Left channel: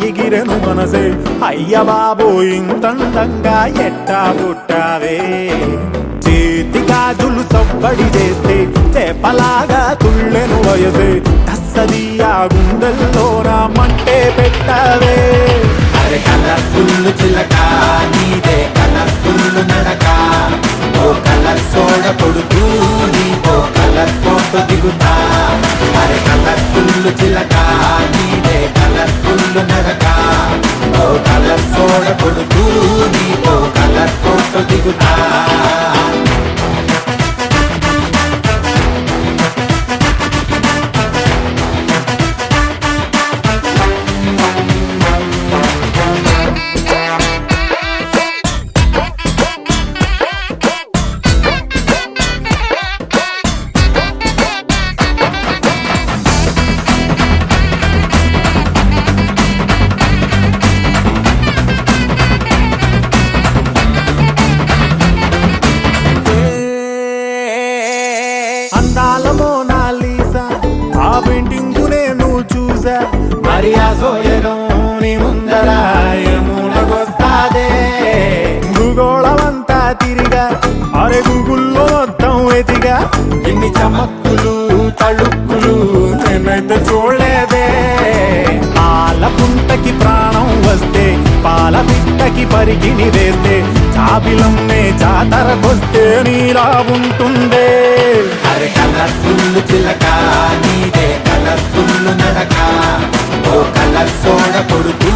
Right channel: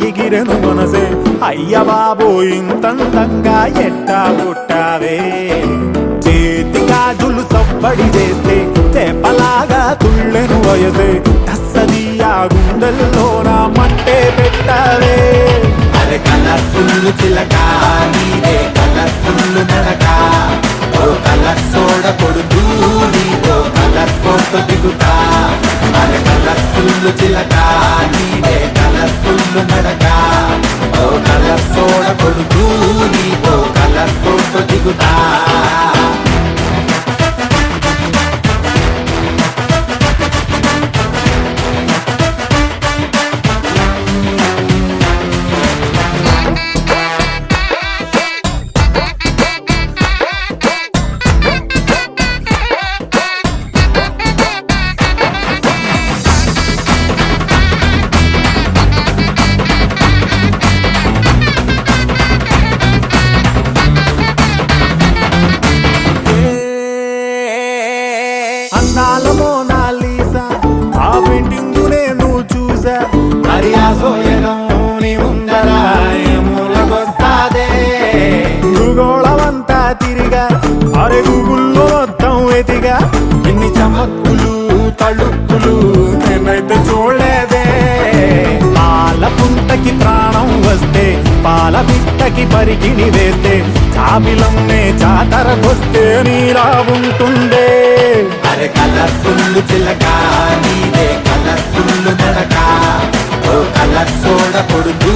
ఎగిరెను మనసే అయ్య బాబో ఇంతందంగా ఎట్టా పుట్టావే చేతి గాజులు సవ్వడి చేస్తే చేపలాగా తుళ్ళెను వయసే తస్సది ఆ గుండెల్లో నా మంటే పెట్టావే అరే కలర్ఫుల్ చిలక నీదే కలర్ఫుల్ నడక ఓ కలర్ సోడ కొడుతూ నీతో కలర్ ఫోటో దిగుతా అరే కలర్ఫుల్ చిలక నీదే కలర్ఫుల్ నడక ఓ కలర్ సోడ కొడుతూ నీతో కలర్ ఫోటో దిగుతా అందాల మోనాలీసా ఆ పెయింటింగు నేను చూసా మరి ఆ సోయడం నీ ముందర మూలకొస్తాదే భూగోళమంతా తిరిగా అరే గూగుల్లో మొత్తం ఎతిగా ఇన్ని చమక్కులు తళుక్కులు నేనైతే చూడలేదే పాల పుంటకి ప్రాణం వస్తే పాల బిట్టకి పరికిణి వేస్తే చాబిలమ్మే జాతరకొస్తే నీలా ఉంటుందే అరే కలర్ఫుల్ చిలక నీదే కలర్ఫుల్ నడక ఓ కలర్ సోడ కొడుతూ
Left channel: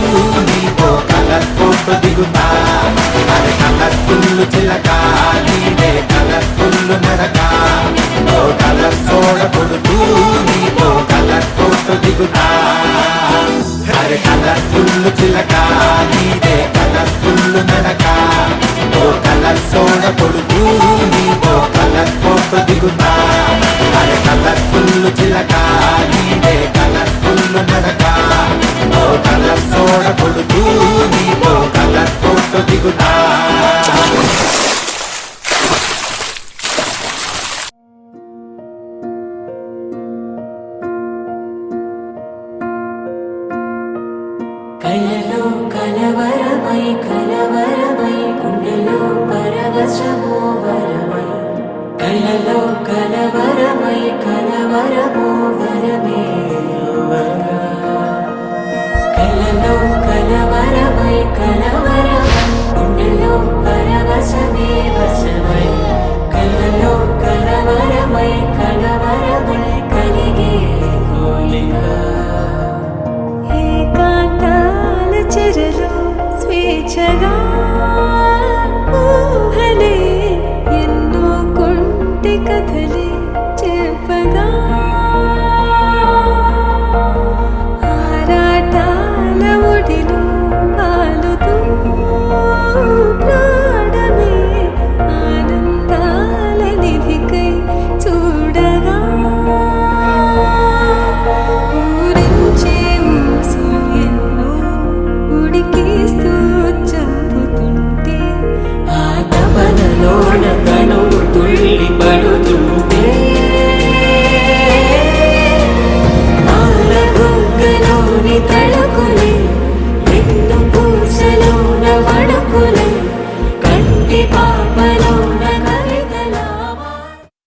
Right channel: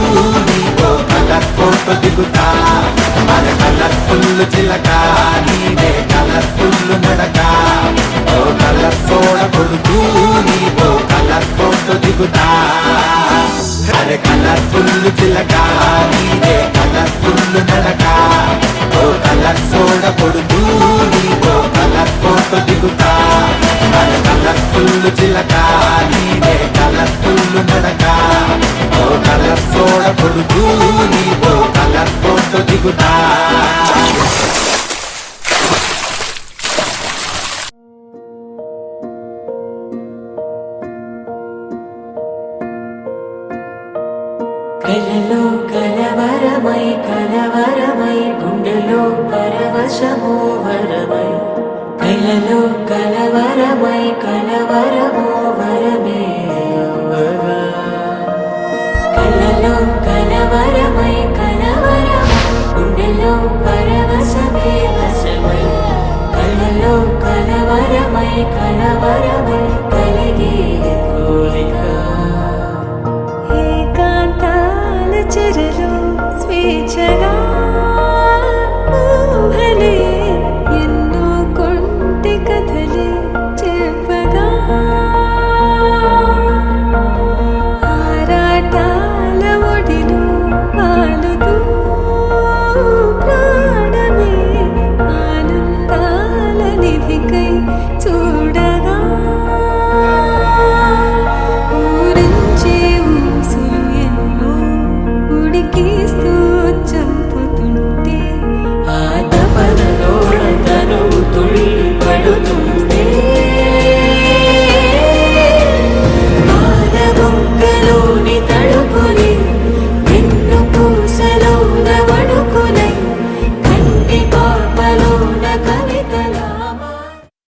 నీతో కలర్ ఫోటో దిగుతా అరే కలర్ఫుల్ చిలక నీదే కలర్ఫుల్ నడక ఓ కలర్ సోడ కొడుతూ నీతో కలర్ ఫోటో దిగుతా అరే కలర్ఫుల్ చిలక నీదే కలర్ఫుల్ నడక ఓ కలర్ సోడ కొడుతూ నీతో కలర్ ఫోటో దిగుతా అరే కలర్ఫుల్ చిలక నీదే కలర్ఫుల్ నడక ఓ కలర్ సోడ కొడుతూ నీతో కలర్ ఫోటో దిగుతా కలలో కలవరమై కలవరమై గుండెలో పరవశమో వరమై కలలో కలవర